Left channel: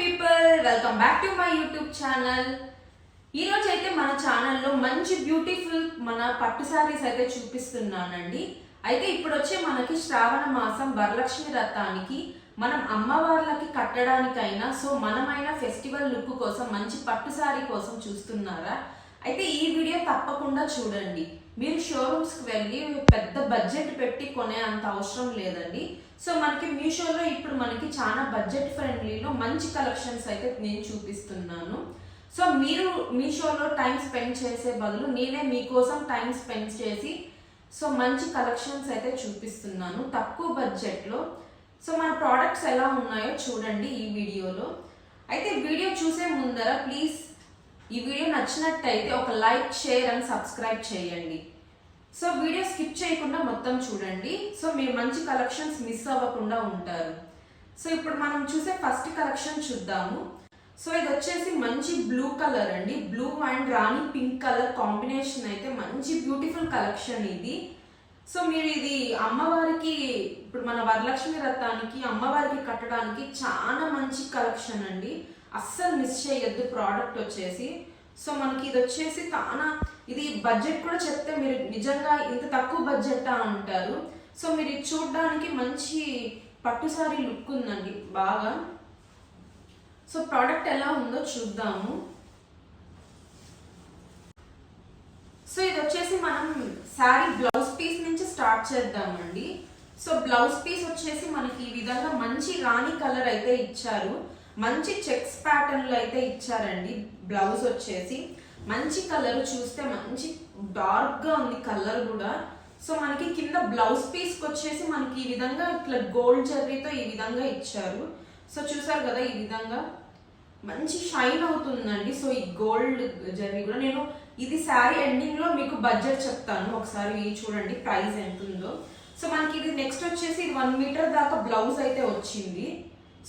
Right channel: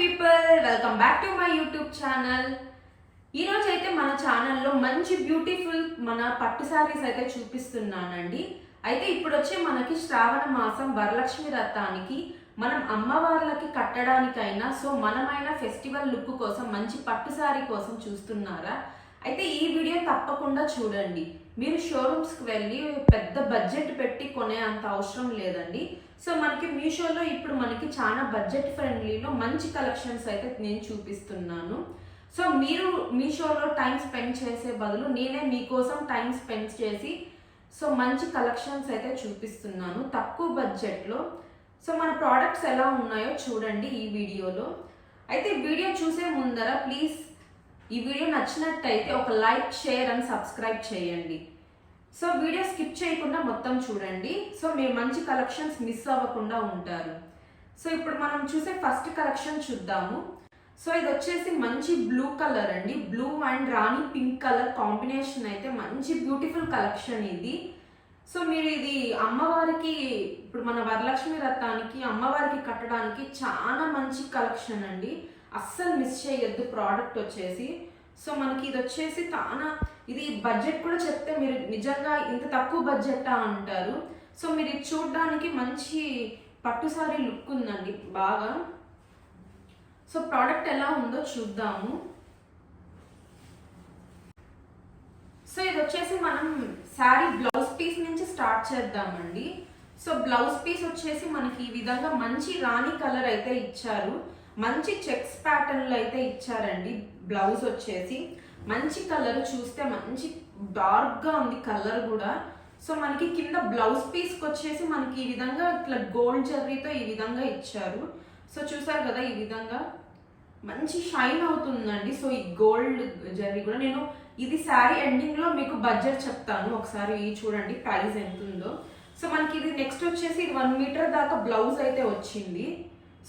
People welcome back to my YouTube channel ఈరోజు అయితే మన ఛానల్లో మంచి బ్యూటిఫుల్ మన పట్టు శారీస్ అయితే చూపిస్తున్నానండి. అయితే ఇప్పుడు వచ్చే మనకి శ్రావణ మాసం వరలక్ష్మి రథానికి మనం అమ్మవార్లకి కట్టడానికైనా సో మనమైన ఫెస్టివల్ లుక్ కోసం మంచి పట్టు శారీ కోసం చూస్తున్నారా? అయితే ఈ వీడియో తప్పకుండా చూడండి. మీరు షోరూమ్స్కి వెళ్ళి పెద్ద బడ్జెట్ పెట్టి కొనే అంత అవసరం లేదండి. సో మనకి మీషోలో ఇప్పుడు మనకి చాలా బడ్జెట్ ఫ్రెండ్లీలో మంచి కలెక్షన్స్ అయితే నేను చూపిస్తున్నాను. సో మీరు మీషోలో టైం స్పెండ్ చేసే బదులు నేనే మీకోసం టైం స్పెండ్ చేసి సో మంచి కలెక్షన్స్ అయితే చూపిస్తున్నాను తక్కువ బడ్జెట్లో సో మన ప్రోడక్ట్స్ ఎలా ఉన్నాయో చూడండి ఈ వీడియోలో. అయితే వీడియో చూసే ముందర ప్లీజ్ ఈ వీడియో నచ్చినట్టయితే ఒక లైక్ షేర్ అండ్ సబ్స్క్రైబ్ చేయండి. సో వీడియో స్కిప్ చేయకుండా మొత్తం చూడండి. సో మీరు మంచి కలెక్షన్స్ మిస్ అవ్వకుండా ఉంటారు. సో ఇప్పుడు మనం చూసే ఫస్ట్ కలెక్షన్ చూద్దాము. సో ఇది వచ్చేసి మంచి బ్లూ కలర్ అండి. Blue and rani pink colour combination అయితే మంచి బ్యూటిఫుల్ కలెక్షన్ ఇది. సో మీరు ఇది అమ్మవారికి ఇప్పుడు మన వరలక్ష్మి రథానికి అమ్మవారికి కట్టడానికి చాలా మంచి కలెక్షన్ అండి. అస్సలు మిస్ చేయొద్దు ప్రోడక్ట్ వచ్చేసి. సో మనకి ఇది వచ్చేసి చాలా ఇది బడ్జెట్ కూడా చెప్తే మీరు నిజంగా ఇంత తక్కువ బడ్జెటా అంటారు. సో మీరు ఇది చూడడానికి మంచి పట్టుసారి లుక్ ఉందండి బాగా. సో ప్రోడక్ట్ ఎలా ఉందో చూద్దాము. సో ఇది వచ్చేసి మనం శారీ బ్లౌజ్ పీస్ నుంచి స్టార్ట్ చేద్దామండి. సో బ్లౌజ్ పీస్ వచ్చేసి మనకి ఈ విధంగా మంచి రాణి కలర్ అయితే ఇచ్చారు. మంచి చెక్స్ ప్యాటర్న్లు అయితే ఇచ్చారండి బ్లౌజ్ వచ్చేసి. మంచి కలర్ చూస్తే మంచి డార్క్గా ఉంది కలర్ కూడా. సో మనకి కింద బ్లౌజ్ పీస్కి వచ్చేసి మనకి ఈ విధంగా ఇట్లా గోల్డ్ జర్రీతో ఈ విధంగా ఇచ్చారు. సో చూసారు కదా ఈ విధంగా. మంచి షైన్ అవుతుందండి. సో ఈ గోల్డ్ జర్రీ కూడా. నేను ఇది శారీ ఎండింగ్లో మీకు బడ్జెట్ చెప్తాను. ఒకసారి చూడండి ప్రైస్ ఎంత ఉందో సో మనకి ఇది నెక్స్ట్ వచ్చేసి ఇది వన్ మీటర్ దాకా బ్లౌజ్ అయితే వచ్చింది.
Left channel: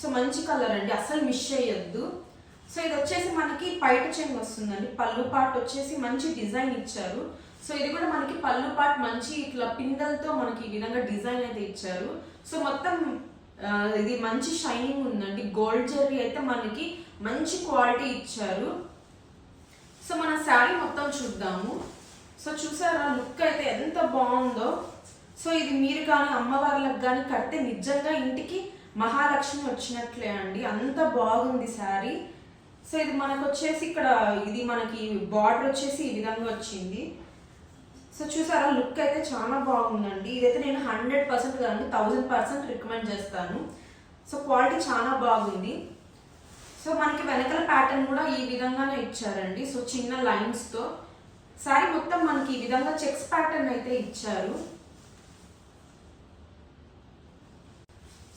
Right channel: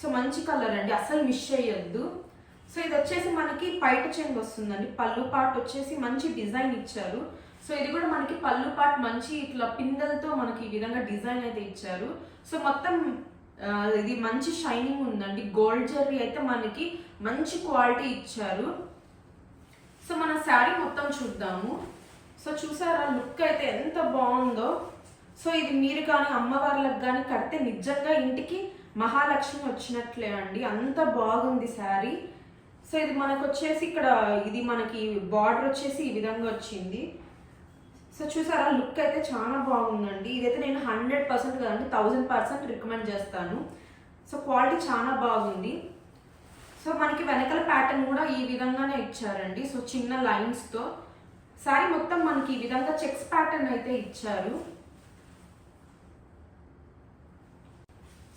సో మంచి కలర్ అండి. అస్సలు మిస్ చేయొద్దు. సో ఇది వచ్చేసి మనకి పైట చెంగు వస్తుందండి. పళ్ళు పాట్ వచ్చేసి మంచి డిజైన్ ఇచ్చారు. సో ఇది కూడా మనకి పళ్ళు పాట్ మంచి ఇట్లా పిందెలతో మనకి ఈ విధంగా డిజైన్ అయితే ఇచ్చారు. సో మొత్తం ఇది మంచి షైనింగ్ ఉందండి. గోల్డ్ జరీ అయితే మనకి మంచి క్వాలిటీ ఇచ్చారు. సో మన శారీ మొత్తం చూద్దాము. సో చూసారా లుక్ అయితే ఎంత బాగుందో. సో ఇది మీరు కానీ అమ్మవార్లకు కానీ కడితే నిజంగా ఇంటికి మహాలక్ష్మి వచ్చినట్లే అండి. అంత బాగుంది శారీ. సో ఇది మనకు వచ్చేసి ఇక్కడ ఇది మనకి బార్డర్ వచ్చేసి ఈ విధంగా వచ్చింది. సో చూసారా లుక్ అయితే చాలా బాగుందండి. ఇదైతే నేను హండ్రెడ్ పర్సెంట్ కదండి థౌజండ్ పర్సెంట్ రికమెండ్ చేస్తాను. సో క్వాలిటీ చాలా బాగుంది. సో మనకి వెనకల ప్యాటర్న్ కూడా ఈ విధంగానే ఇచ్చారండి. సో చిన్న లైన్స్తో శారీ మొత్తం మనకి ఈ విధంగా చెక్స్ ప్యాటర్న్ అయితే ఇచ్చారు.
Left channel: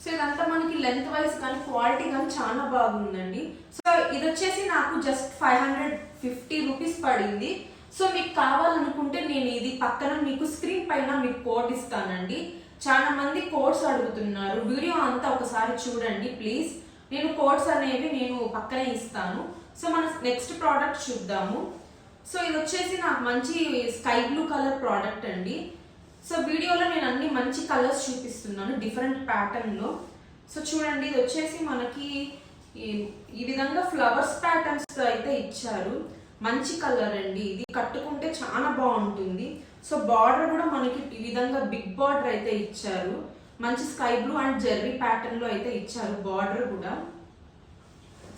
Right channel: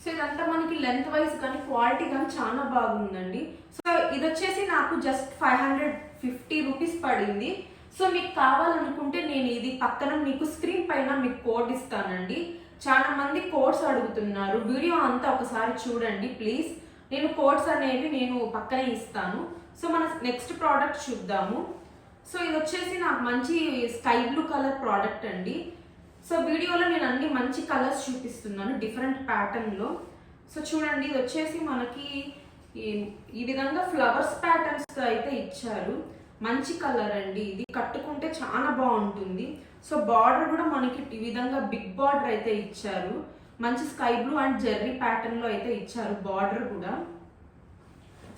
సో ఇదంతా మనకి లెంత్ వైజ్ కానీ క్వాలిటీ కానీ చాలా బాగుందండి. సో ఇది వచ్చేసి నాకు just five hundred fifty rupees పడింది. సో మీకు కావాలనుకుంటే నేను ఇది పక్కన మీకు స్క్రీన్ పైన మీకు కోడ్ ఇస్తానండి. చాలా మంది కోడ్స్ అడుగుతున్నారు. వీడియో అంతా ఒకసారి చూడండి ప్లీజ్ నేను కోడ్స్ అనేవి నేను పక్కనే ఇస్తాను. సో మన నెక్స్ట్ ప్రోడక్ట్ చూద్దాము. సో ఇది వచ్చేసి నాకు మంచి స్కై బ్లూ కలర్ ప్రోడక్ట్ అండి. సో వీడియోలో నేను అన్ని మంచి కలర్స్ చూపిస్తున్నాను డిఫరెంట్ ప్యాటర్న్లో సో చూడండి ఇది వచ్చేసి మనకి ఈ- విధంగా ఫ్లవర్స్ ప్యాటర్న్స్ అయితే ఇచ్చారు. మంచి కలర్ అండి ఇది. కట్టుకుంటే చాలా బాగుంటుంది. సో బార్డర్ కూడా మనకి ఈ విధంగా బిగ్ బార్డర్ అయితే ఇచ్చారు. మంచి స్కై బ్లూ అండ్ జెర్రీ ప్యాటర్న్లో అయితే ఇచ్చారు బార్డర్ కూడా.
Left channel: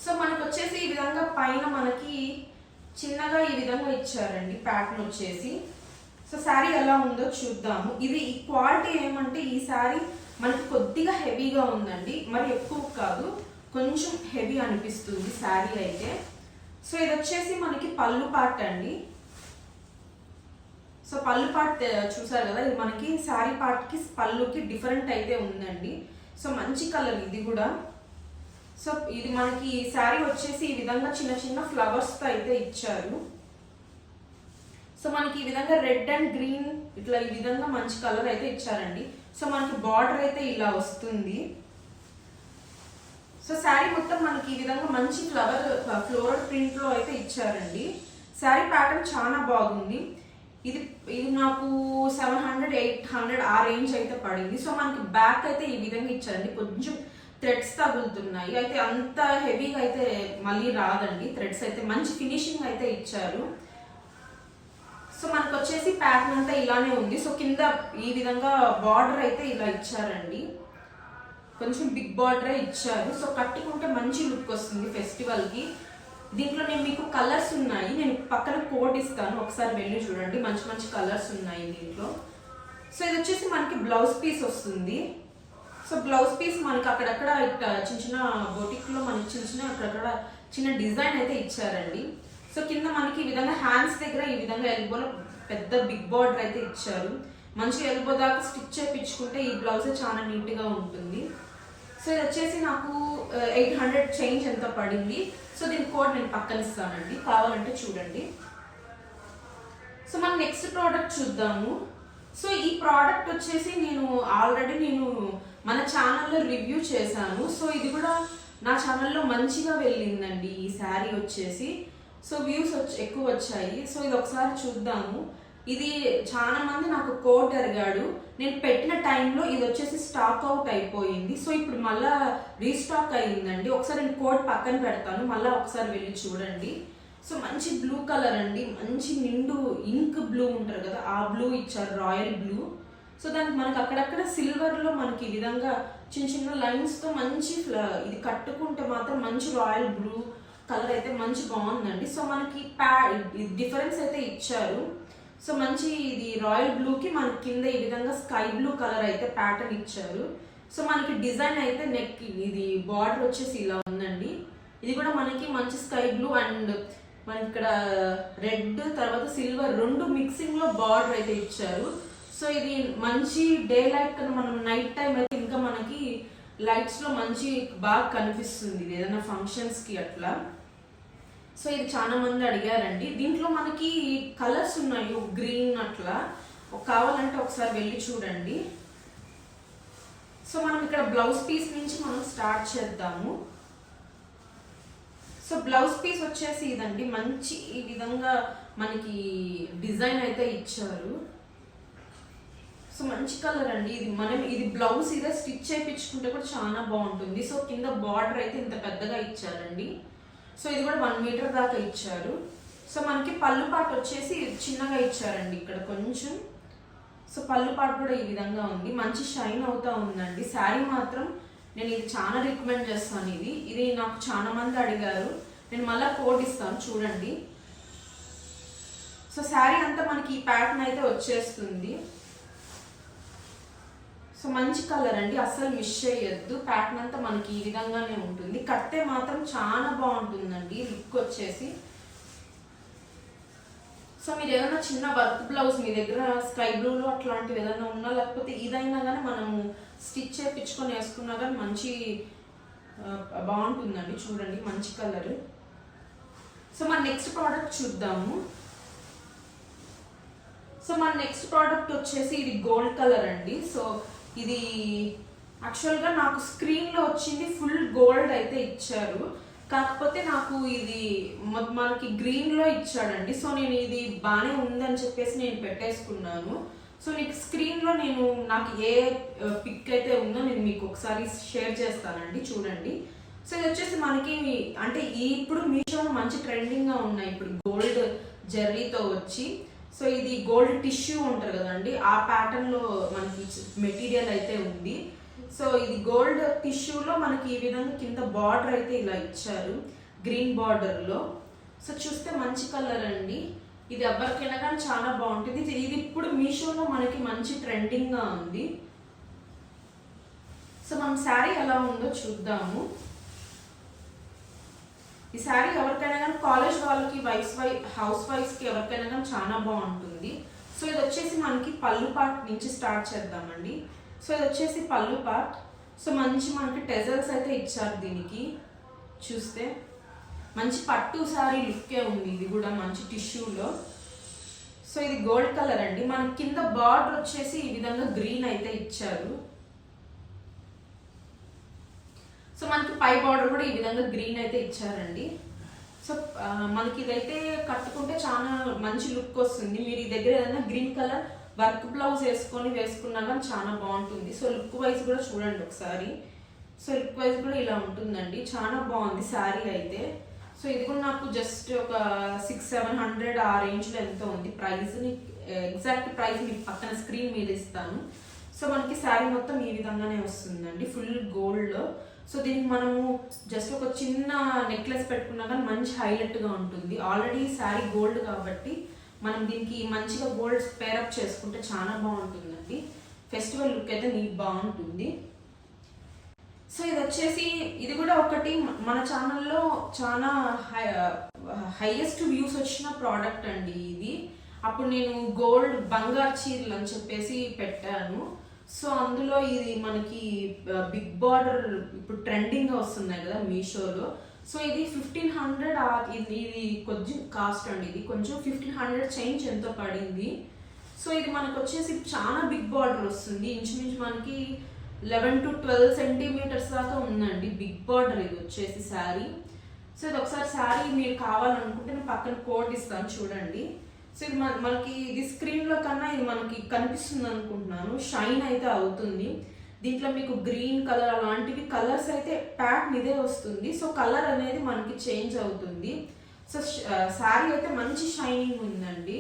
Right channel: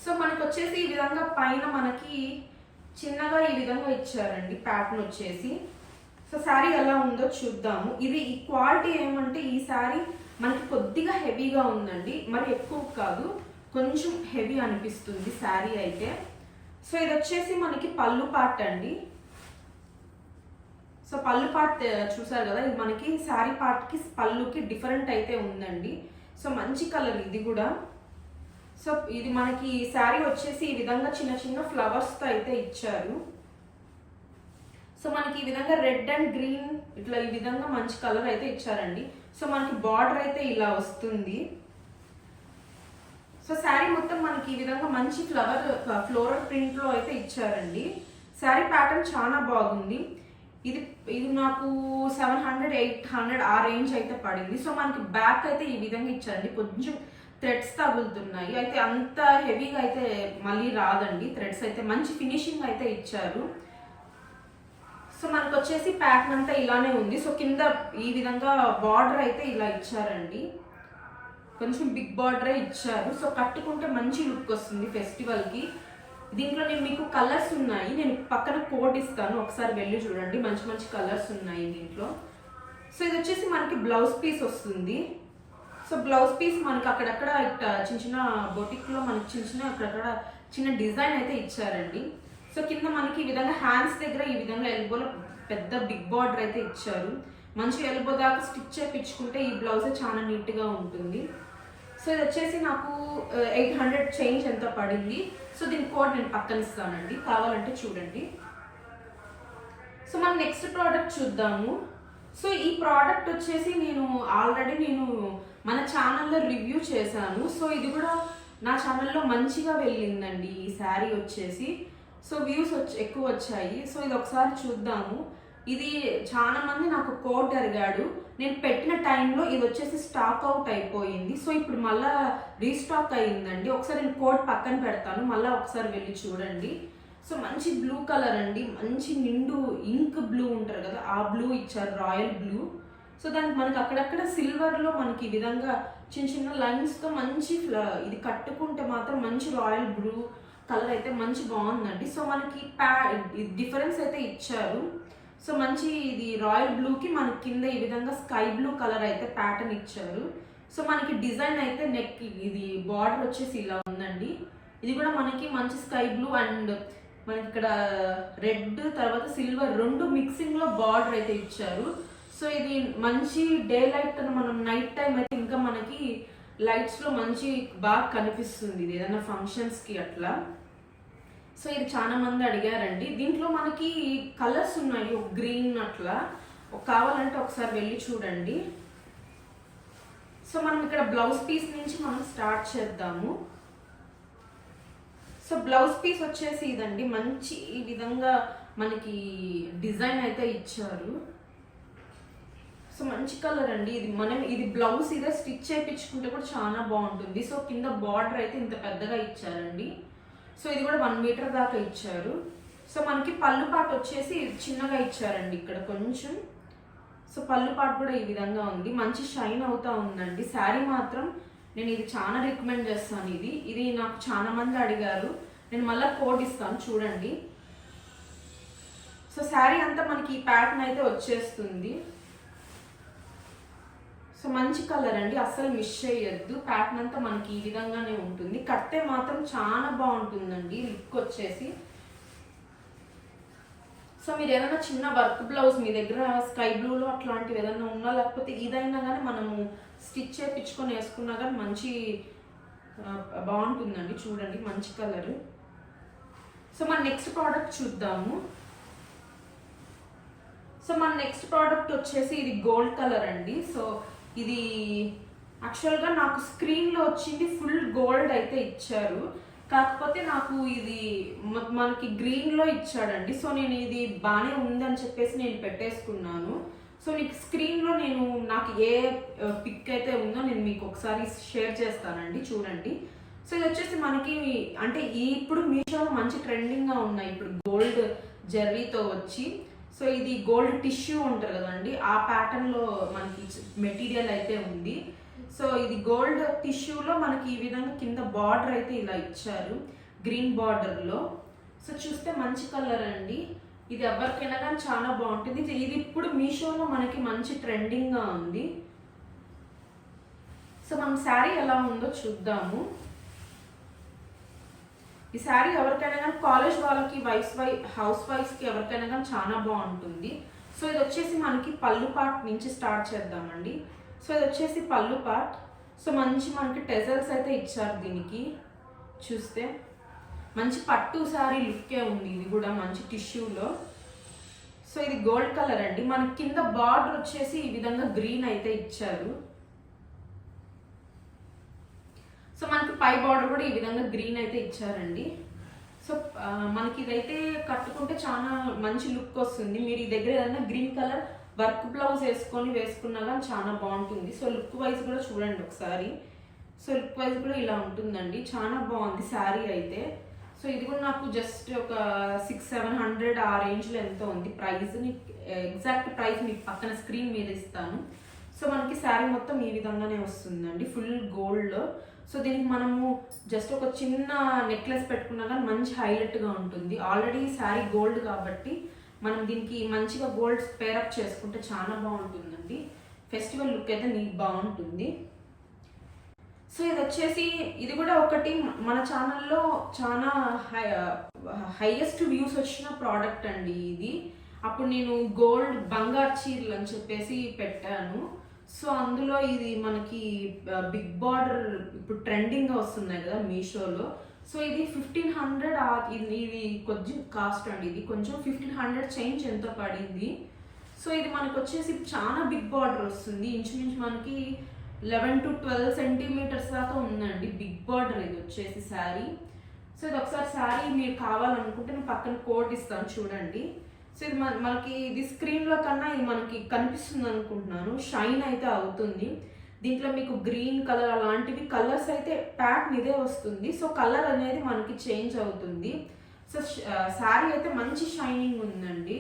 సో మనకు వచ్చేసి ఈ విధంగా పైన మనకి చిన్నగా ఈ విధంగా ఇచ్చారండి ప్యాటర్న్ వచ్చేసి. సో శారీ ఎలా ఉందో చూద్దాము. ఇది ఈ క్వాలిటీ ఏమంటే ఈ శారీ మనకి కొద్దిగా హెవీగా ఉందండి. మరి ఎక్కువ కాదు కొంచెం హెవీ అనిపిస్తుంది శారీ అయితే. సో ఇది వచ్చేసి మనకి పళ్ళు పార్ట్ అండి. సో పళ్ళు పార్ట్ చూసారు కదా ఇది మనకి శారీ పార్ట్కి పళ్ళుకి డిఫరెంట్ అయితే ఉందండి. సో మంచి కలర్ ఇది కూడా. సో ఇది మనకి శారీ వచ్చేసి ఈ విధంగా చిన్న చిన్న ఫ్లవర్స్తో అయితే ఇచ్చారు. సో మనకి ఈ విధంగా రెడ్ అండ్ గ్రీన్ ఇట్లా ఈ విధంగా మంచి కలర్ అయితే ఇచ్చారండి. సో మనకి బార్డర్ అయితే ఇలా వస్తుంది. సో శారీ మొత్తం మనకి ఈ విధంగా మంచి ఫ్లవర్ ఫ్లోరల్ ప్రింట్లో అయితే ఇచ్చారండి. శారీ ప్యాటర్న్ చాలా బాగుంది. ఇది ఇది నాకు సెవెన్ హండ్రెడ్ ఎయిట్ హండ్రెడ్ ఆ రేంజ్ అయితే పడింది. సో మనకి బ్యాక్ అయితే ఈ విధంగా ఇచ్చారండి. కొంచెం థ్రెడ్స్ తగులుతున్నాయి. అయితే అంత హెవీగా అయితే మళ్ళీ రాదండి. థ్రెడ్స్ అయితే మంచి ఫినిషింగ్ అయితే ఇచ్చారు. సో మనకు వచ్చేసి ప్యాక్ అంతా ఇలానే ఉంది. సో కింద ఈ విధంగా బార్డర్ అయితే ఇలా ఇచ్చారండి. కొంచెం బిగ్ బార్డరే ఇచ్చారు. సో కట్టుకుంటే మంచి లుక్ వస్తుంది ఫెస్టివల్కి దీంట్లో నేను మీకు కలర్స్ ఉన్నాయి. నేను పక్కన కోడ్ ఇస్తాను. ఒకసారి వెళ్ళి చూడండి. మంచి మంచి కలర్స్ ఉన్నాయి దీంట్లో. సో ఇది వచ్చేసి మనకి బ్లౌజ్ పీస్ వస్తుంది. సో బ్లౌజ్ పీస్ మనకి అక్కడక్కడ ఇట్లా చిన్న చిన్న బొటిక్లో మనకి చిన్న చిన్న అక్కడక్కడ చిన్న డిజైన్ అయితే ఇచ్చారండి. సో కింద మనకి ఈ విధంగా హ్యాండ్స్ దగ్గర ఈ విధంగా ఎల్బోలో పెద్ద బిగ్ బార్డర్ అయితే ఇచ్చారు. మంచి ఎల్బో దాకా స్టిచ్ చేయించుకుంటే ఈ బ్లౌజ్ చాలా నీట్గా ఉంటుంది. సో ఇది వచ్చేసి నాకు ఎయిట్ హండ్రెడ్ చేంజ్ ఎంత పడింది? సో దీని కోడ్ నేను పక్కన ఇస్తానండి. కావాలంటే చూడండి. సో మనం నెక్స్ట్ ప్రోడక్ట్ చూద్దాము. సో ఈ ప్రోడక్ట్ వచ్చేసి నేను ఆల్రెడీ నేను మన ఛానల్లో రివ్యూ చేశాను. సో ఇది కూడా నా ఛానల్లో మంచిగా వెళ్ళిందండి ఈ శారీ వచ్చేసి. సో వ్యూస్ వచ్చి ఎక్కువ వచ్చాయి. సో ఇది ఒకసారి చూద్దాము. ఇది చాలా మంది నాకు కోట్ అడిగాడు. నేను పెట్టిన టైంలో ఇది వచ్చేసి స్టాక్ అవుట్ అయిపోయింది. సో ఇప్పుడు మళ్ళా రీస్టాక్ అయిందండి. ఒకసారి నేను కోట్ పక్కన పెడతాను. మళ్ళీ ఒకసారి వెళ్ళి చూడండి. సో మంచి బ్లూ కలర్ అండి. మంచి నిండు ఇంక్ బ్లూ ఉంటారు కదా ఆ బ్లూ ఇచ్చారు రాయల్ బ్లూ. సో దానికి మనకి అక్కడక్కడ సిల్వర్లో మనకి ఈ విధంగా చిన్న చిన్న లైన్స్తో మంచి ఫ్ల- ఇది కట్టుకుంటే మాత్రం మంచి రాయల్ బ్లూ కలర్ అయితే మంచి బాగుందండి. సో మనకి ప్యా డిఫరెన్స్ అయితే ఇచ్చారు. సో మంచి ఇది రాయల్ బ్లూకి మనకి కింద ఈ విధంగా స్కై బ్లూ కలర్ అయితే ప్యాటర్న్ ఇచ్చారు. సో మనకి డిజైన్ అయితే నెక్ ఇది బార్డర్ వచ్చేసి ఇలా ఉందండి. ఇది కూడా మనకి మంచి స్కై బ్లూ అండ్ మనకి ఇక్కడ రెడ్ తర్వాత సిల్వర్ రెండు మిక్సింగ్లో బార్డర్ అయితే ఇచ్చారు. సో ఇది మంచి డే లైట్ మనం నైట్ టైం అయితే ఇంకా మనకి లైట్స్లో మంచి బాగా కనిపిస్తుంది. ఇది ఏదైనా ఫంక్షన్స్కి అట్లా. సో ఇది చాలా మంది అడిగారండి. దీంట్లో మనకి కలర్స్ ఉన్నాయి ఒక గ్రీన్ అట్లా. కావాలంటే ఒకసారి వెళ్ళి చూడండి. సో మనం ఇక్కడ బ్లౌజ్ పీస్ నుంచి మనం స్టార్ట్ చేద్దాము. సో బ్లౌజ్ పీస్ వచ్చేసి ఇదండి. మంచి ఈ విధంగా మనకి డిజైన్ అయితే ఇచ్చారు. సో మంచి కలర్ అండి ఇది. మనం ఇది బ్లౌజ్ ఇదే స్టిచ్ చేయించుకుంటే కూడా చాలా బాగుంటుంది. సో కింద బార్డర్ అయితే ఇంత పెద్దగా ఇచ్చారండి. సో ఇది కూడా వన్ మీటర్ దాకా ఇచ్చారు సో మనకి పళ్ళు పాట వచ్చేసి చిన్నగా ఇచ్చారండి ఇక్కడ కొంచెం. సో పళ్ళు పాట కూడా ఈ విధంగా ఉంది. మంచి షైన్ అవుతూ ఉందండి. శారీ మాత్రం నేను ఇది చాలా రికమెండ్ చేస్తాను ఇది. ఇది నాకు చాలా మంది అడిగారు. నేను మళ్ళీ కోట్ ఇస్తాను చూడండి. సో శారీ అంతా మనకి ఈ ప్యాటర్న్ అయితే వచ్చేస్తుంది. సో మంచి కలర్ అండి. అస్సలు మిస్ చేయొద్దు. ప్యాటర్న్ అంతా మనకి ఈ విధంగానే ఉంటుంది. కట్టే మాత్రం చాలా బాగుంటుందండి. లుక్ వచ్చేసి. సో మీరు ఏదైనా చిన్న వర్క్ బ్లౌజ్ మీ దగ్గర స్కై బ్లూలో అట్లాంటివి ఏదైనా ఉన్నా లేకపోతే ఇదైనా కానీ మనము స్టిచ్ చేయించుకొని వేసుకున్నా కానీ మంచి బాగుంటుందండి. చూడండి మంచి కలర్. సో మన నెక్స్ట్ ప్రోడక్ట్ చూద్దాము. సో మన నెక్స్ట్ ప్రోడక్ట్ వచ్చేసి ఇది గోల్డ్ కలర్ అండి. సో ఇది యాక్చువల్గా నాకు స్క్రీన్లో వచ్చింది ఫుల్ గోల్డ్ అయితే ఇచ్చారు. కాకపోతే నాకు ఇది మనకి గ్రీన్లో ఇచ్చాడండి. సో నేను ఇది బాగానే ఉందని చెప్పేసి నేను పెట్టేసుకున్నాను. సో మీకు స్క్రీన్లో నేను నాకు ఏ పిక్ అయితే ఉందో నేను మీకు ఒకసారి షేర్ చేస్తానండి. చూడండి. సో ఇది వచ్చేసి మనకి అంటే ఇప్పుడు మీషోలో మంచి ట్రెండింగ్గా ఉన్నాయి. ఇప్పుడు గోల్డ్ జర్రీతో వచ్చి. సో ఇది గోల్డ్ టిష్యూ ఉంటుంది కదండి ఆ pattern లో మనకి మెటీరియల్ అయితే ఉంది. సో ఇది గోల్డ్ టిష్యూలో మనకి ఈ విధంగా కింద బార్డర్ అయితే ఇలా ఇచ్చారు గ్రీన్ బార్డర్లో సో చూస్తే మంచి కలర్ అండి. ఇది ఎవరికైనా కానీ చాలా బాగుంటుంది. ఇది ఇప్పుడు మీషోలో మనకి మంచి ట్రెండింగ్గా ఉంది. సో మనం శారీ ఎలా ఉందో చూద్దాము. ఈ శారీ ఎవరికైనా కానీ కాలేజ్ వాళ్ళకి వైఫ్ వై హౌస్ వైఫ్స్కి ఎవరికైనా కానీ చాలా బాగుంటుంది. సో ఇది వచ్చేసి మనకి పళ్ళు పార్ట్ నుంచి స్టార్ట్ చేద్దామండి. సో ఇది వచ్చేసి పళ్ళు పార్ట్. సో మంచి మనకి టెజల్స్ అయితే ఇచ్చారు దీనికి. చూస్తే మంచి పట్టు శారీ లుక్కే ఉంది ఇది కూడా మంచి టిష్యూలో. సో ఇది గోల్డ్ కలర్ అండి. మన కింద బార్డర్ వచ్చేసి ఈ విధంగా గ్రీన్ అయితే ఇచ్చారు. సో మనకి పై బార్డర్ కూడా ఈ విధంగా గ్రీన్ అయితే ఇచ్చారండి. సో మనకి ఇదైతే కట్టుకుంటే చాలా మంచి లుక్ వస్తుంది. మీరు ఈ దగ్గర ఏదైనా గ్రీన్ కలర్ వర్క్ బ్లౌజ్ వేసుకొని వేసుకున్నా కానీ చాలా బాగుంటుంది. సో లుక్ వైజ్ కూడా చూడండి ఒకసారి. సో లుక్ వైజ్ కూడా ఇలా ఉంటుందండి. చాలా బాగుంది శారీ అయితే. సో ఇది కూడా నాకు జస్ట్ ఒక సిక్స్ సెవెన్ హండ్రెడ్ ఆ రేంజ్లో ఎంత ఉంది. ప్రైస్ ఎగ్జాక్ట్ ప్రైస్ మీకు పక్కన స్క్రీన్ మీద ఇస్తాను. సో మనకి శారీ మొత్తం ఈ విధంగానే వస్తుందండి. ఫుల్ గోల్డ్ సో దీనికి మనము జస్ట్ ఒక చిన్న నెక్లెస్ పెట్టుకున్నా కానీ మంచి హైలైట్గా ఉంటుంది. ఆల్రెడీ శారీ గోల్డ్ కాబట్టి మనం దీనికి మంచిగా గోల్డ్ పేరప్ చేసుకుంటే చాలా బాగుంటుందండి. ఫెస్టివల్ లుక్ అయితే నీకు బాగుంటుంది. సో ఇది వచ్చేసి ఇది కూడా ఒకటి మన ఛానల్లో చాలా హై హైయెస్ట్ వ్యూస్ వచ్చిన ప్రోడక్ట్ అండి ఇది. అప్పుడు నేను గోల్డ్ బంగారు చీరలు అని చెప్పేసి పెట్టాను. సో అందులో ఇది మనకి బిగ్ బార్డర్ ఇప్పుడు ట్రెండింగ్గా వస్తున్నాయి కదా మీషోలో. సో ఇది ఫిఫ్టీన్ హండ్రెడ్ ఇది ఇది కొంచెం కాస్ట్ అండి. ఇది కొంచెం ఫిఫ్టీన్ హండ్రెడ్ చేంజ్ ఎంతో పడింది. సో ఇది మనకు వచ్చేసి చాలా బిగ్ బార్డర్ వస్తుంది. ఇంచుమించు మనకి లెవెన్ టు ట్వెల్వ్ సెంటీమీటర్స్ దాకా ఉందండి బిగ్ బార్డర్ ఇది వచ్చేసి శారీ. సో ఇది ఒకసారి శారీ మీరు కావాలనుకుంటే నేను పక్కన కోట్ ఇస్తాను చూడండి. సో ఇది మన మనకి ఇది స్క్రీన్లో కన్నా ఇది మనకి కనిపిస్తుంది అనుకుంటున్నాను. షైన్ అయితే అవుతుంది. దీంట్లో మీకు గ్రీన్ కలర్ అలాంటివి కలర్స్ అయితే ప్యాక్ ఇదే వస్తుంది. సో కలర్ అనేది మనకి చేంజ్ అవుతుంది. సో శారీ అయితే మంచి షైనింగ్ ఉందండి.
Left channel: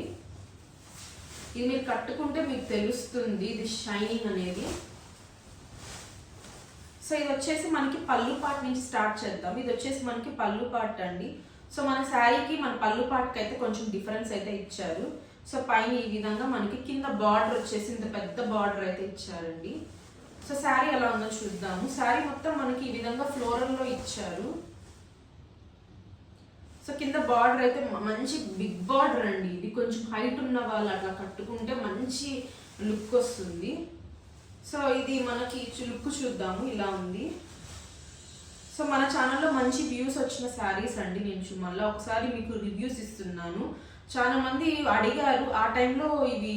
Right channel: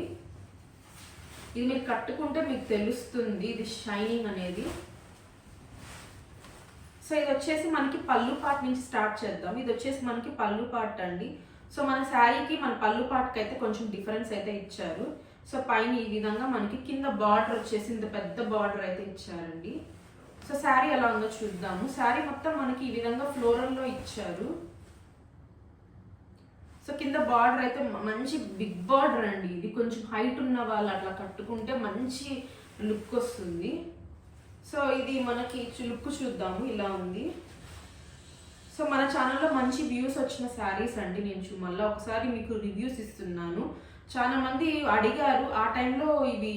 ఇది మీరు కట్టుకుంటే మీకు తెలుస్తుంది ఇది షైనింగ్ అనేది. సో ఇది వచ్చేసి మనకి పళ్ళు పాట నుంచి స్టార్ట్ చేద్దాం. ఇది వచ్చేసి మనకి పళ్ళు పాట అండి సో మన శారీకి మన పళ్ళు పాటకి అయితే కొంచెం డిఫరెన్స్ అయితే ఇచ్చారు. సో పైన ఈ విధంగా మనకి కింద బార్డర్ వచ్చేసి ఇంత పెద్ద బార్డర్ అయితే ఇచ్చారండి. సో శారీ ఎలా ఉందో చూద్దాము. శారీ మొత్తం మనకి ఈ విధంగా ఫ్లోరల్లో ఇచ్చారు. సో కింద బార్డర్ అయితే మంచి బిగ్ బార్డర్ అండి ఇది. కొంచెం హైట్ ఉన్న వాళ్ళు అట్లా కట్టుకుంటే మంచి లుక్ వస్తుంది. సో ఇది మనకి లుక్ చూద్దాము. ఇలా ఉంది. సో మన ఛానల్లో మంచి వ్యూస్ వచ్చిన శారీస్ అండి నేను మళ్ళీ ఒకసారి మీకు రివ్యూస్ ఇస్తున్నాను. చాలా మంది అడిగారు ఆ టైంలో ఇవి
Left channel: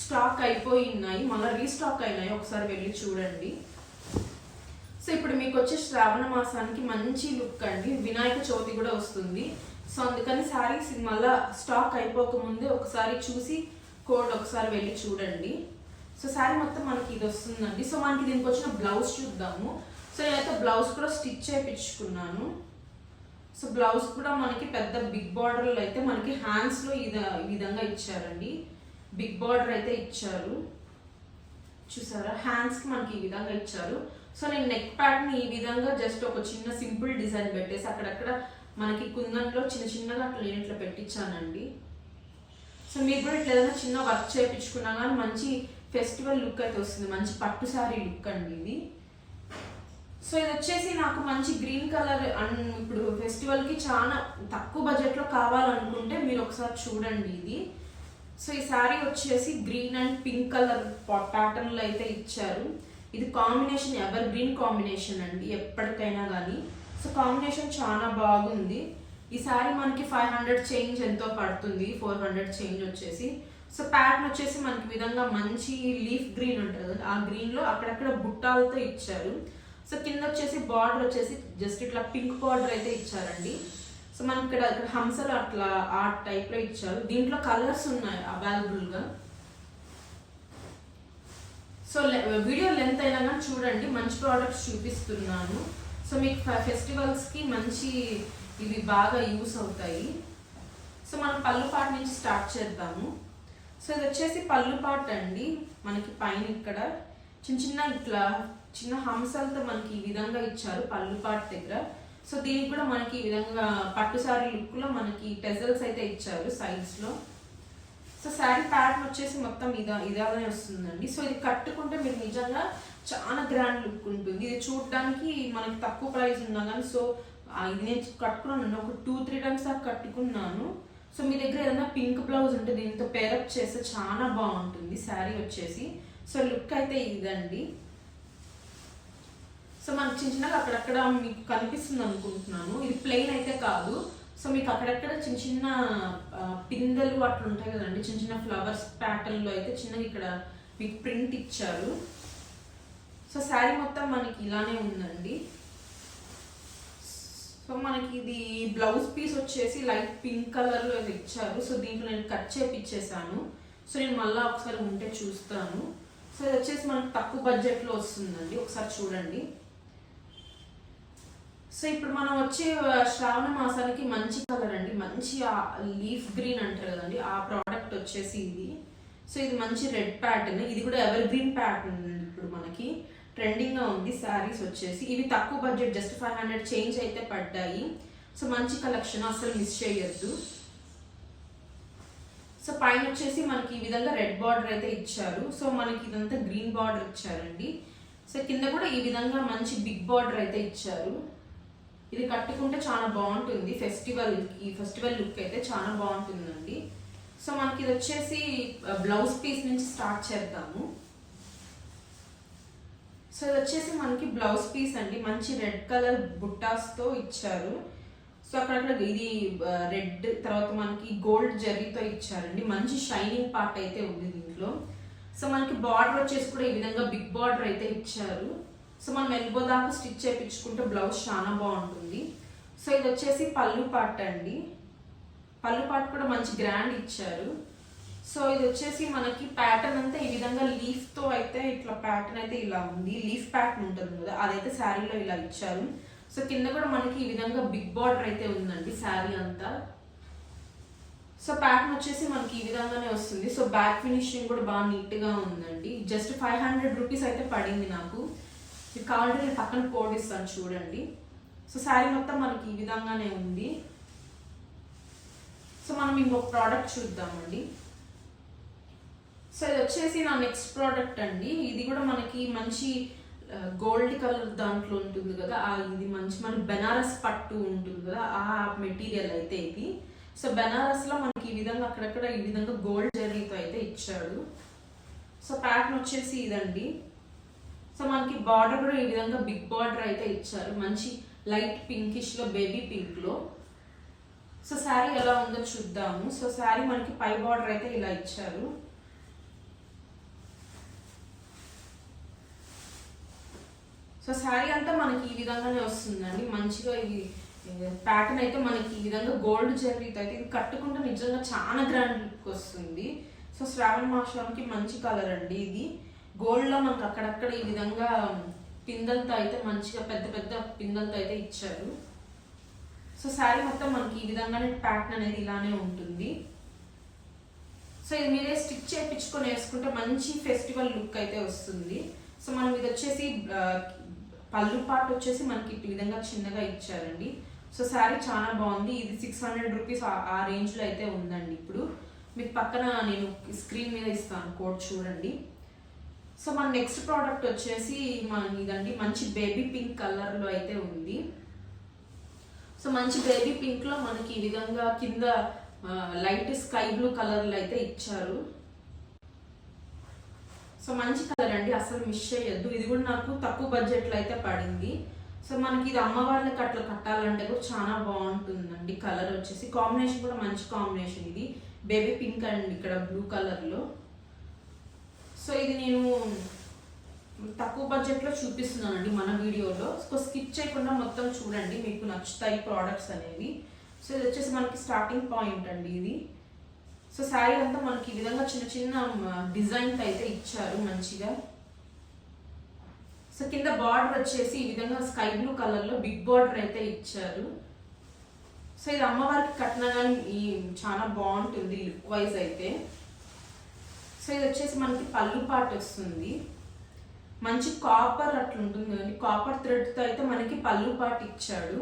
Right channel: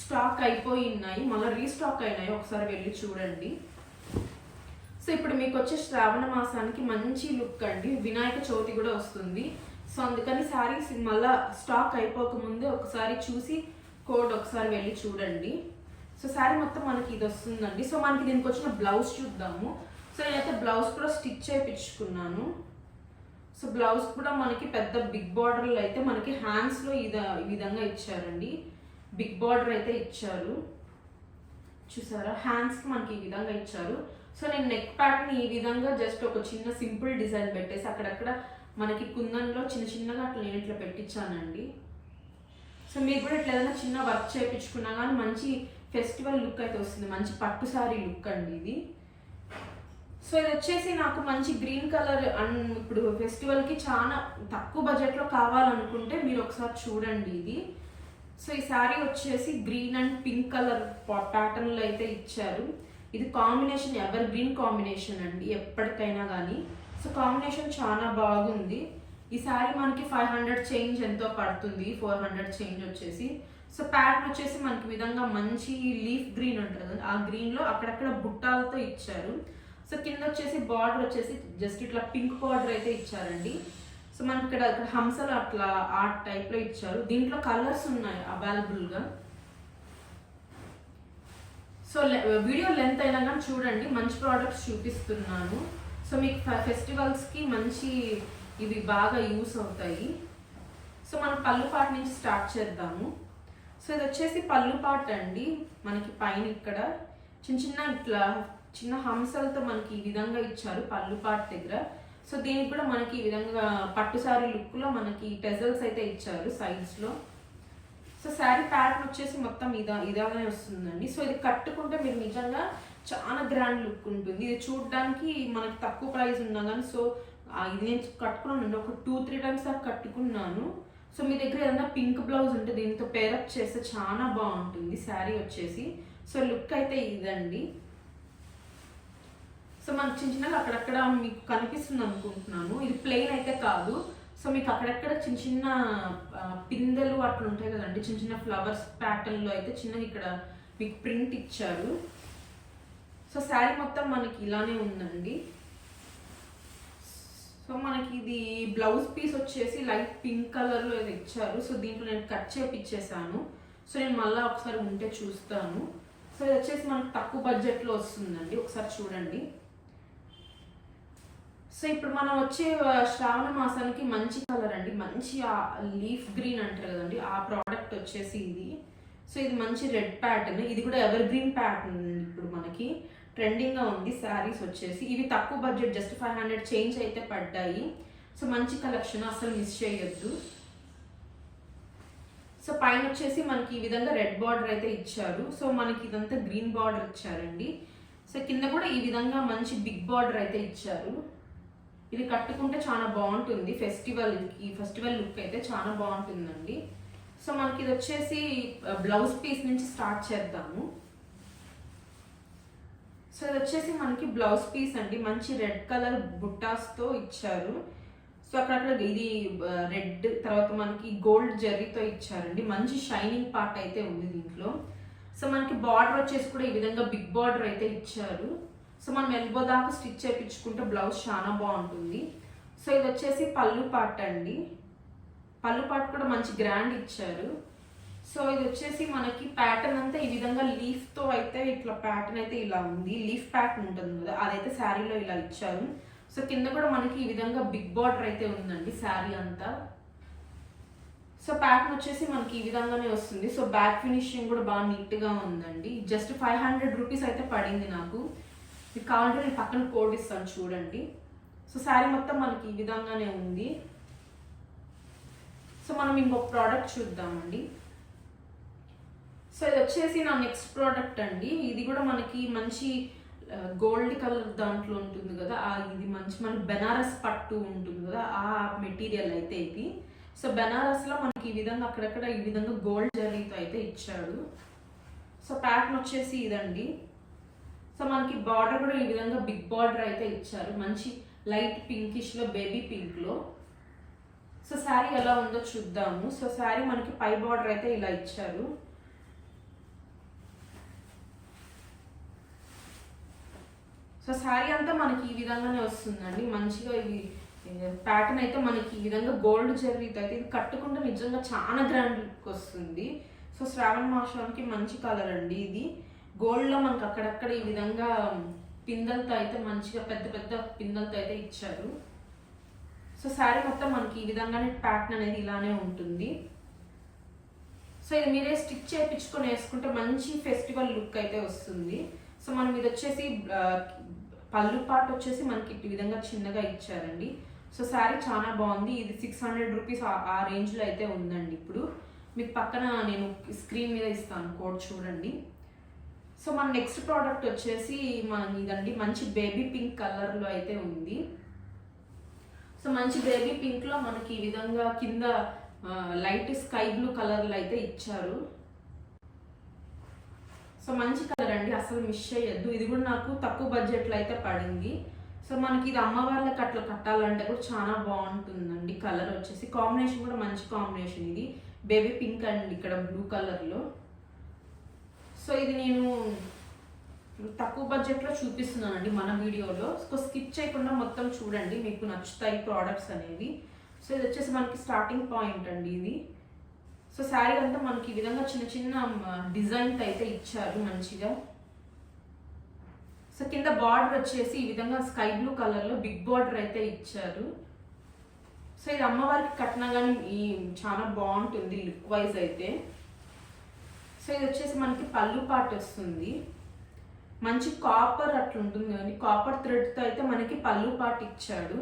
స్టాక్ అయిపోయి ఉన్నాయి మళ్ళీ రీస్టాక్ అయినాయి ఒకసారి వెళ్ళి చూడండి. సో ఇప్పుడు మీకు వచ్చే శ్రావణ మాసానికి మంచి లుక్ అండి. వినాయక చవితి కూడా వస్తుంది. సో అందుకని శారీస్ మళ్ళా స్టాక్ అయిపోకముందే ఒకసారి చూసి కోడ్ ఒకసారి వెళ్ళి చూడండి. సో శారీ మొత్తం మనకి ఇది వస్తుందండి. సో మనకి దీనికి వచ్చిన బ్లౌజ్ చూద్దాము. సో నేనైతే బ్లౌజ్ కూడా స్టిచ్ చేయించుకున్నాను. సో బ్లౌజ్ కూడా మనకి పెద్ద బిగ్ బార్డర్లు అయితే మనకి హ్యాండ్స్లో ఈ విధంగా ఇచ్చారండి. బిగ్ బార్డర్ అయితే ఇచ్చారు. చూసారా? హ్యాండ్స్కి మనకి ఈ విధంగా ఇచ్చారు. సో నేను నెక్ ప్యాటర్న్ ఈ విధంగా జస్ట్ ఒక చిన్న సింపుల్ డిజైన్ పెట్టేసి అక్కడక్కడ మనకి కుందన్లో చిన్న చిన్నగా అట్లా నేను ఇట్లా పెట్టించానండి. సో మీరు కూడా ఇట్లా ఏదైనా చిన్న వర్క్ చేయించుకున్నా కానీ మంచి ఫెస్టివల్ లుక్ అయితే వస్తుంది. మంచి పట్టు సారీ లుక్ అండి ఇది. సో ఇది వచ్చేసి నాకు మంచి గ్రీన్ కలర్ అండ్ ఇప్పుడు ఫెస్టివల్కి చాలా తక్కువ బడ్జెట్లో కావాలనుకుంటే మీరు ఒకసారి చూడండి ఇది. సో ఈ శారీ వచ్చేసి గ్రీన్ అండ్ పింక్ కలర్ ప్యాటర్న్లో అయితే ఇచ్చారు. ఇది కాంబినేషన్ ఎవర్ గ్రీన్ కాంబినేషన్ అండి ఎప్పటికైనా కానీ సో కాంబినేషన్ చాలా బాగుంది. ఈ శారీ మనకి ఫైవ్ హండ్రెడ్ చేంజ్ ఎంతో పడుతుంది ఫోర్ హండ్రెడ్ చేంజ్ వచ్చేసి. సో ప్యాటర్న్ వచ్చేసి మనకి విధంగా మంచి లీఫ్ గ్రీన్ ఉంటుంది ఆ గ్రీన్లో అక్కడక్కడ బుట్టాలతో ఇచ్చారు. సో కింద వచ్చేసి బార్డర్ వచ్చేసి జస్ట్ ఇట్లా పింక్ బార్డర్ అయితే ఇచ్చారండి. సో మనకి ఇక్కడ ఇక్కడ హంసలు అట్లా ఆ టైప్లో ఇచ్చారు. దీంట్లో కలర్స్ ఉన్నాయి అవైలబుల్గా సో వీడియో లెంత్ అయినా కానీ చూడండి మంచి ప్రోడక్ట్స్ చూపిస్తున్నాను. సో మీకు ఫెస్టివల్స్కి మంచి ఇవి బాగా యూస్ అవుతాయి. సో మనం పళ్ళు పాట నుంచి స్టార్ట్ చేద్దాము. సో ఇది వచ్చేసి పళ్ళు పాట అండి మనకి పైన ఇక్కడ. చిన్న చిన్న ఇట్లా చిన్న హంసలతో మనకి ఈ విధంగా ఇచ్చారు పళ్ళుపాటి దగ్గర. సో దీనికి కూడా మనకి ఈ విధంగా పట్టు సారీ లుక్లో మనకి టెజల్స్ అయితే ఇచ్చారు సైడ్స్లో సో శారీ ప్యాటర్న్ వచ్చేసి మొత్తం ఇదా ఇదాగానే వస్తుందండి. సో ఇది కట్టుకుంటే మీరు నిజంగా చాలా గ్రాండ్ లుక్ ఉంటుంది. ఇది చూడడానికి మనకి తక్కువ ప్రైస్ ఉన్నా కానీ సో ఇది నేను కట్టుకున్నాను ఒక టూ త్రీ టైమ్స్ దాకా కట్టుకున్నాను. సో మీ దగ్గర ఏదైనా పింక్ బ్లౌజ్ ఉంటే దీంతో పేరప్ చేస్తే చాలా బాగుంటుంది శారీ వచ్చేసి. సో లుక్ అయితే ఇదండి. సో మనకు చిన్న చిన్నగా అక్కడక్కడ మీకు కనిపిస్తుంది అనుకుంటున్నాను. ఇది ప్లెయిన్ అయితే కాదు. సో మీకు అక్కడక్కడ చిన్న చిన్న పిందెలు అట్లా ఉంటాయి కదండి. చిన్న చిన్న ఫ్లవర్స్ ప్యాటర్న్లో అయితే చిన్నగా ఇక్కడ మీకు ప్రింట్ ఇచ్చారు. సో శారీ మొత్తం మనకి ఇలానే ఉందండి. సో మనకి ఇది బ్లౌజ్ పీస్ వచ్చేసి లైట్ పింక్ కలర్లో ఇది ఇచ్చారు. సో దీంట్లో నేను కట్ చేపిచ్చేసాను. సో నేను మళ్ళీ ఒకసారి ఉంటే చూస్తాను. సో ఇది వచ్చేసి మనకు తక్కువ బడ్జెట్లో వస్తుందండి. ఒకసారి చూడండి. సో ఇప్పుడు మనం వచ్చే శ్రావణ మాసానికి మంచి కలర్ అండి. మంచి లీఫ్ గ్రీన్ అంటారు కదండి. ఆ ప్రోడక్ట్ వచ్చేసి ఇది. సో ఇది మంచి రెడ్ ప్యాటర్న్ ఇది కూడా ఎవర్ గ్రీన్ ప్యాటర్న్ ఇప్పుడు మనకి. ట్రెండింగ్గా ఉంది. శారీస్ వచ్చేసి. ఇవి తక్కువ budget just five hundred change అయితే పడ్డాయి. సో మంచి కలెక్షన్ అసలు మిస్ చేయొద్దు. సో పైన వచ్చేసి మనకి ఈ విధంగా రెడ్ బార్డర్ అయితే ఇచ్చారు. సో మనకి ఇదంతా గ్రీన్ బార్డర్ ఇచ్చారండి. సో కింద కూడా ఈ విధంగా మంచి బిగ్ బార్డర్ అయితే ఇచ్చారు. ఇది కట్టుకుంటే చాలా బాగుంటుంది. ఫెస్టివల్ ఈ ఫెస్టివల్ లుక్ అయితే చాలా బాగుంటుందండి. సో మనకి ఇది వచ్చేసి బ్లౌజ్ పీస్ నుంచి స్టార్ట్ చేద్దాము. సో ఇది వచ్చేసి మనకి బ్లౌజ్ పీస్ అండి. మంచి రెడ్ కలర్ బుట్టాస్తో ఇచ్చారు. సో అక్కడక్కడ ఇది రెడ్ తర్వాత మనకి గోల్డ్ జరీతో ఇచ్చారండి. మంచి షైనింగ్ పార్ట్ అయితే ఉంది దీంట్లో. సో మనకి బార్డర్ వచ్చేసి కూడా ఈ విధంగా బిగ్ బార్డర్ అయితే ఇచ్చారు. సో మనం ఎల్బో దాకా స్టిచ్ చేయించుకుంటే బ్లౌజ్ చాలా బాగుంటుంది. సో ఇది వచ్చేసి పళ్ళు పార్ట్ అండి. పళ్ళు పార్ట్ కూడా మంచి గ్రాండ్ ఇచ్చారు. సో ఇది వచ్చేసి మనకి ప్యాటర్న్ అంతా ఈ విధంగా లీఫ్తో అయితే ఇట్లా ప్యాటర్న్ అయితే ఇలా ఉంది. లీఫ్ ప్యాటర్న్ ఉంటుంది కదా అదైతే శారీలో ఇలా ఇచ్చారు. సో కింద కూడా మనకి ఈ విధంగా బిగ్ బార్డర్ అయితే ఉందండి శారీ అంతా. సో ప్యాటర్న్ వచ్చేసి మనకి ఈ విధంగానే వస్తుంది. సో బ్యాక్ ఫినిషింగ్ కూడా బాగా నీట్గా ఉందండి. జస్ట్ ఫైవ్ హండ్రెడ్ రూపీస్ అయితే పడింది నాకు. మీకు కావాలంటే నేను పక్కన కోడ్ ఇస్తాను చూడండి. సో శారీ మొత్తం మనకి ఈ విధంగానే ఉంది. సో మనం ఇంకొక ప్రోడక్ట్ చూద్దామండి. సో ఇది వచ్చేసి నా నెక్స్ట్ ప్రోడక్ట్ అండి. ఇది కూడా మనకి మంచి గోల్డ్ కలర్ దాంట్లో ఉంటుంది కదా. ఆ ఇది మంచి మన బెనారస్ పట్టు ఉంటుంది కదా. ఆ మెటీరియల్ అయితే ఇది. సో బెనారస్లో మనకి ఈ విధంగా అక్కడక్కడ ఈ విధంగా గోల్డ్ జరీతో అయితే ఇచ్చాడు. సో ప్యాటర్న్ వచ్చేసి ఇదండి. సో మనకి బార్డర్ కూడా ఈ విధంగా బిగ్ బార్డర్ అయితే ఇచ్చారు. మంచి లైట్ పింకిష్లో బేబీ పింక్లో. సో శారీ ఎలా ఉందో చూద్దాము. సో శారీ మనకి పై బార్డర్ అయితే ఇలా ఇచ్చారు. సో శారీ అంతా మనకి ఈ విధంగానే వస్తుందండి. మంచిగా ఈ ప్యాటర్న్ అయితే మనకి ఈ విధంగా గోల్డ్ జరీతో అయితే ఇది కట్టుకుంటే నిజంగా చాలా గ్రాండ్ లుక్ వస్తుంది. సో శ్రావణ మాసానికి మంచి కలర్ అండి ఇది. గోల్డ్లో మనకు మనకి అక్కడక్కడ ఈ విధంగా పిందలతో అయితే మంచిగా పెద్ద పెద్ద పిందలతో అయితే ఇచ్చారు. సో శారీ మొత్తం మనకి ఈ విధంగానే ప్యాటర్న్ అనేది ఇలానే ఉంటుంది. సో ఇది మీరే స్టిచ్ చేయించుకొని వేసుకుంటే మంచి ఫెస్టివల్ లుక్ అయితే వస్తుంది. సో మనం ఇది వచ్చేసి పళ్ళు పార్ట్ వచ్చేసి మనకి ఈ విధంగా చిన్నగా ఇచ్చారండి. సో శారీ చాలా బాగుంది. ఇది సిక్స్ హండ్రెడ్ రూపీస్ ఆ రేంజ్లో అయితే ఉందండి ఇప్పుడు. మీకు పక్కన నేను స్క్రీన్ మీద ఇస్తాను కోడ్ చూడండి. సో మన నెక్స్ట్ ప్రోడక్ట్ వచ్చేసి మన ఇదండి మంచి బేబీ పింక్ కలర్లో అయితే ఉంది. సో మంచి బేబీ పింక్లో మనకి ఈ విధంగా కింద లైట్ స్కై బ్లూ కలర్లో అయితే ఇచ్చారు. సో మంచి కలర్ అండి అసలు మిస్ చేయొద్దు. ఇది కూడా నాకు తక్కువ బడ్జెట్లో అయితే పడింది. సో మనకి ఇది అమ్మవార్లకి అట్లా కట్టాలంటే కూడా చాలా బాగుంటుందండి కలర్ వచ్చేసి. కాంబినేషన్ కూడా మంచి కాంబినేషన్ ఇది. బేబీ పింక్ అండి ఇక్కడ బ్లూ కలర్లో. సో ఇది నేను తక్కువ బడ్జెట్లో చూపిస్తున్నానండి మన వీడియోలో. సో స్కిప్ చేయకుండా మొత్తం చూడండి మీకు నచ్చుతాయి ప్రోడక్ట్స్ అనేవి. సో ఇది వచ్చేసి మనకి స్టార్టింగ్ పాయింట్ అండి ఇది. సో శారీ అంతా మనకి ఈ విధంగా చిన్న చిన్న డిజైన్స్ అయితే ఇచ్చారు మంచిగా. సో కింద బార్డర్ వచ్చేసి ఈ విధంగా స్కై బ్లూ కలర్లో బిగ్ బార్డర్ అయితే ఇచ్చారు. సో ఇది అమ్మవారికి కట్టినా కానీ ఈ చాలా బాగుంటుంది లుక్ వైజ్ అయితే. సో ఇది వచ్చేసి మనకి పళ్ళు పాట వస్తుంది. మంచి కాపర్ అట్లా ఉంటుంది కదండి కాపర్ థ్రెడ్తో అయితే మనకి పళ్ళు పాట ఇచ్చాడు.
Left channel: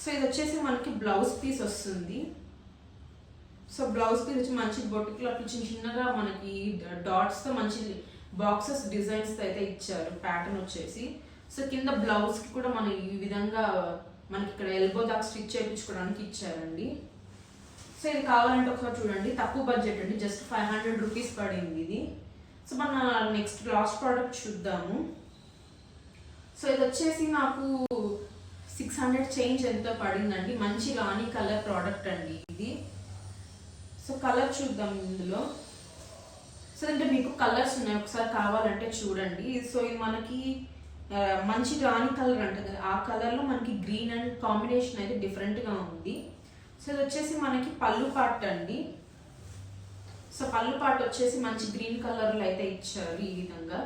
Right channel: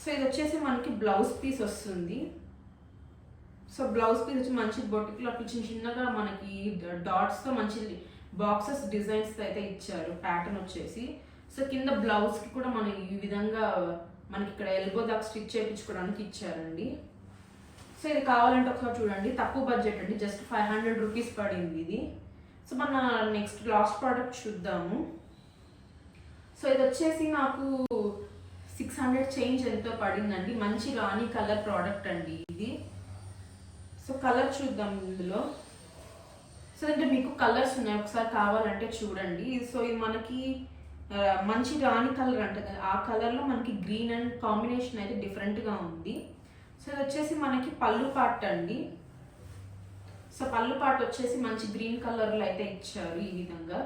సో ఇది వచ్చేసి మనకి బ్లౌజ్ పీస్ వస్తుంది. సో బ్లౌజ్ పీస్ వచ్చి మంచి బొటిక్లో అట్లా చిన్న చిన్నగా మనకి డాట్స్తో మంచి బాక్సెస్ డిజైన్స్తో అయితే ఇచ్చారు. ప్యాటర్న్ వచ్చేసి. సో కింద బ్లౌజ్కి కూడా మనం ఈ విధంగా మనకి ఇక్కడ ఎల్బో దాకా స్టిచ్ చేయించుకోవడానికి ఇచ్చారండి. సో ఇది కావాలంటే ఒకసారి చూడండి. తక్కువ బడ్జెట్ అండి. జస్ట్ ఫైవ్ హండ్రెడ్ రూపీస్ పడింది ఇది. సో మన నెక్స్ట్ లాస్ట్ ప్రోడక్ట్ చూద్దాము. సో ఇది వచ్చేసి నాకు సిక్స్ హండ్రెడ్ చేంజ్ ఎంతో పడిందండి? మంచి రాణి కలర్ ప్రోడక్ట్ అండి ఇది. సో కలర్ చూద్దాం ఇందులో. సో అంటే మీకు కలర్స్ ఉన్నాయి. ఒకసారి కావాలంటే చూడండి. సో ఇది మనకి మంచి రాణి కలర్ అంట కదా. ఆ కలర్లో మనకి గ్రీన్ అండ్ కాంబినేషన్ అయితే డిఫరెంట్గా ఉంది. సో ఇది వచ్చేసి మనకి పళ్ళు పాట్ అండి. సో పళ్ళు పాట్ వచ్చేసి మంచి గ్రీన్ కలర్లో అయితే ఇచ్చారు ఈ విధంగా.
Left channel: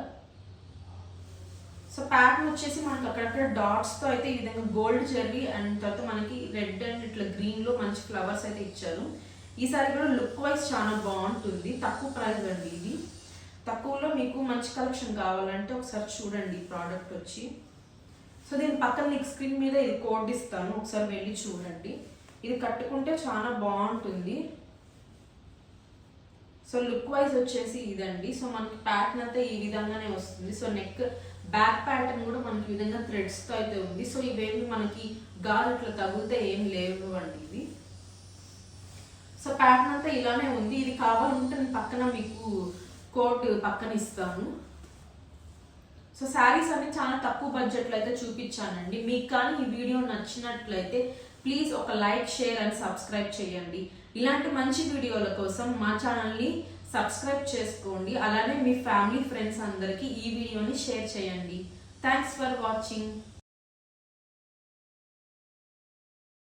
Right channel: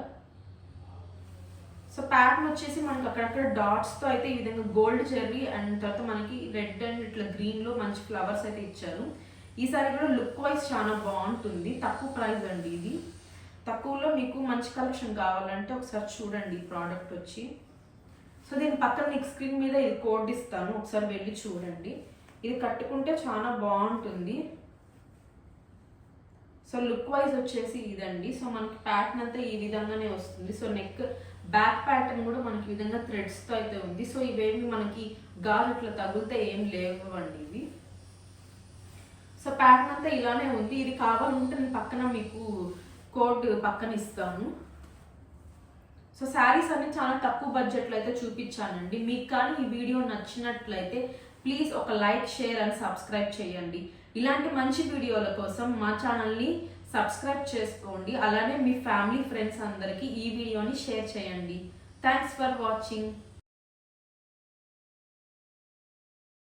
సో ప్యాటర్న్ వచ్చేసి మనకి అక్కడక్కడ డాట్స్తో అయితే ఈ విధంగా గోల్డ్ జెర్రీ అండ్ తర్వాత మనకి రెడ్ అండ్ ఇట్లా గ్రీన్లో మంచి ఫ్లవర్స్ అయితే ఇచ్చారు. ఈసారి కూడా లుక్ వైజ్ చాలా బాగుంటుంది. తక్కువ ప్రైస్ అండి ఇది. తక్కువలో మీకు మంచి కలెక్షన్ కావాలంటే ఒకసారి చూడండి ఈ ప్రోడక్ట్ వచ్చి. సో దీని పక్కన నెక్స్ట్ స్క్రీన్ మీద ఇది కోడ్ ఇస్తాను. ఒకసారి వెళ్ళి చూడండి. ఇది కట్టుకుంటే చాలా బాగుంటుంది. సో లుక్ వైజ్ వచ్చేసి ఇదండి. సో మనకి ప్యాటర్న్ అంతా ఈ విధంగానే వస్తుంది. సో నెక్ బ్యాక్ ప్యాటర్న్ కూడా మనకి విధంగా థ్రెడ్స్తో అయితే ఉంది. సో ఇవేమి మనకి గాజు అట్లా తగిలితే ఏం లేవు అండి ఇవి. సో ప్యాటర్న్ అంతా ఇలానే ఉంది. ఇది కావాలంటే నేను పక్కన మీకు కోట్ పక్కన ఇస్తాను. సో శారీస్ అన్ని చాలా తక్కువ బడ్జెట్లో అయితే చూపించానండి. మీకు కానీ ఈ వీడియో నచ్చినట్లయితే ప్లీజ్ ఒక లైక్ షేర్ అండ్ సబ్స్క్రైబ్ చేయండి. ఇలాంటి మంచి వీడియోల కోసం మా ఛానల్ని సబ్స్క్రైబ్ చేసుకోండి. అలానే మీ ఫ్యామిలీ ఫ్రెండ్స్ అందరికీ ఈ వీడియోని షేర్ చేయండి. Thanks for watching